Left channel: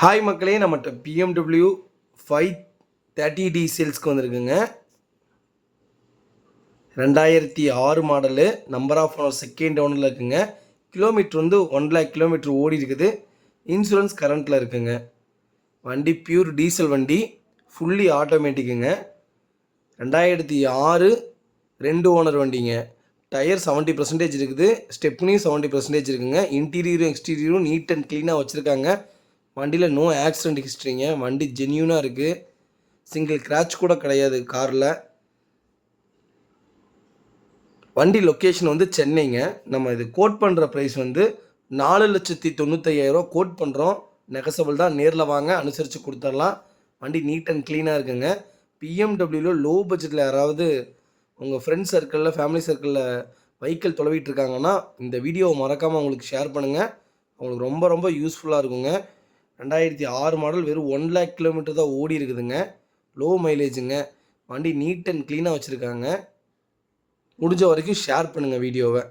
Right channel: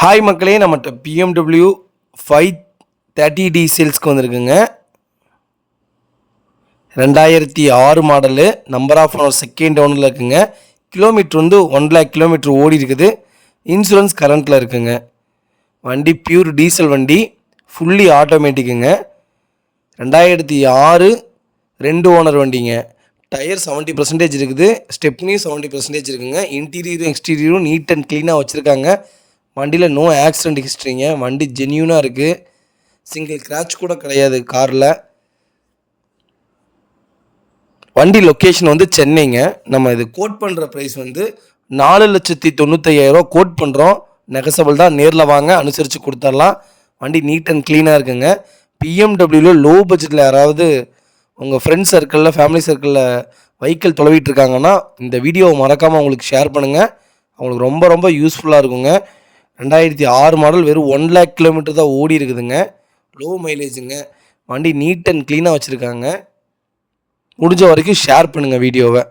Hi மக்களே, நம்மகிட்ட BMW 530D சேல்ஸ்க்கு வந்திருக்குங்க. 2006 model, number of owner second ஓனரில் இருக்குங்க. கிலோமீட்டர் வந்து 1 lakh கிலோமீட்டர் ஓடி இருக்குது. இன்சூரன்ஸ் கரண்ட்டில் இருக்குங்க. வண்டி பியூர் டீசல் வண்டி, ஃபுல்லி ஆட்டோமேட்டிக்குங்க. 2006 2 ஓனர் வண்டிங்க. டயர் 70% இருக்குது. ஸ்டெப்னியும் 70% இருக்குங்க. இன்டீரியரும் எக்ஸ்டீரியரும் நீட் அண்ட் க்ளீனாக வச்சுருக்காங்க. வண்டியில் நோ ஆக்சிடெண்ட் ஹிஸ்ட்ரிங்க. வண்டி ஜென்யூனாக இருக்குது. சிங்கிள் கிராச் கூட கிடையாது காரில். வண்டி லொக்கேஷன் வந்து சென்னைங்க. நம்ம இது கோட் பண்ணுற ப்ரைஸ் வந்து 4,95,000 கோட் பண்ணுறோம். நெகசபிள் தான். நேரில் வாங்க, அனுசரித்து கொடுத்துடலாம். வண்டி நீட் அண்ட் க்ளீனாக இருக்குங்க. பிஎம்டபிள்யூவில் லோ பட்ஜெட்டில் யாராவது உங்கள் ஃப்ரெண்ட்ஸ் சர்க்கிளில், ஃபேமிலி சர்க்கிளில் வெஹிக்கிள் தொலைவிட்டு இருக்காங்கன்னா இந்த வீடியோவை மறக்காமல் அவங்களுக்கு ஷேர் பண்ணுங்கள். அவங்களுக்கு ரொம்ப ரொம்ப யூஸ்ஃபுல்லாக இருக்குங்க. 2006 மாடல், வெறும் 1 lakh கிலோமீட்டர் தான் ஓடி இருக்குதுங்க. லோ மைலேஜுங்க. வண்டி நீட் அண்ட் க்ளீனாக வச்சுருக்காங்க. முடிஞ்ச வரைக்கும் ஷேர் பண்ணுங்கள் வீடியோவை.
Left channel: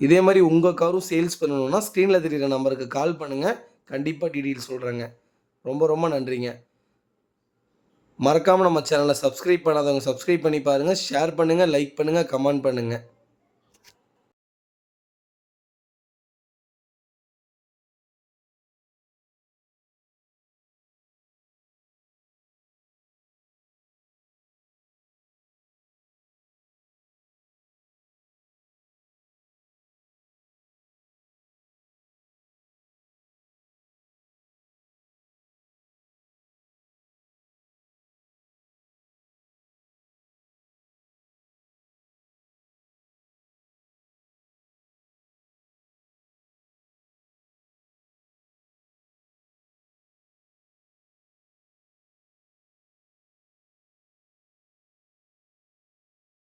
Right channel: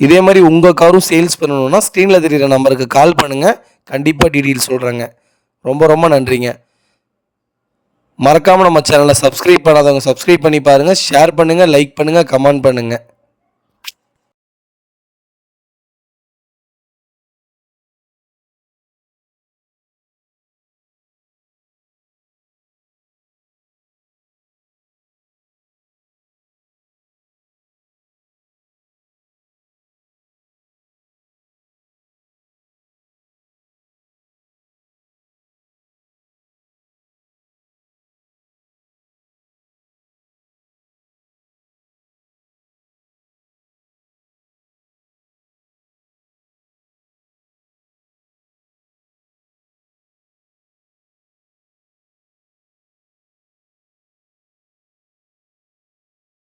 இதே மாதிரி உங்கள் காரும் சேல்ஸ் பண்ணணுன்னா ஸ்க்ரீனில் தெரிகிற நம்பருக்கு கால் பண்ணுங்கள். கண்டிப்பாக டீட்டெயில்ஸ் சொல்கிறேங்க. ரொம்ப ரொம்ப நன்றிங்க. மறக்காமல் நம்ம சேனலை சப்ஸ்கிரைப் பண்ணாதவங்க சப்ஸ்கிரைப் பண்ணி பாருங்கள். ஷேர் பண்ணுங்கள், லைக் பண்ணுங்கள், கமெண்ட் பண்ணுங்கள்.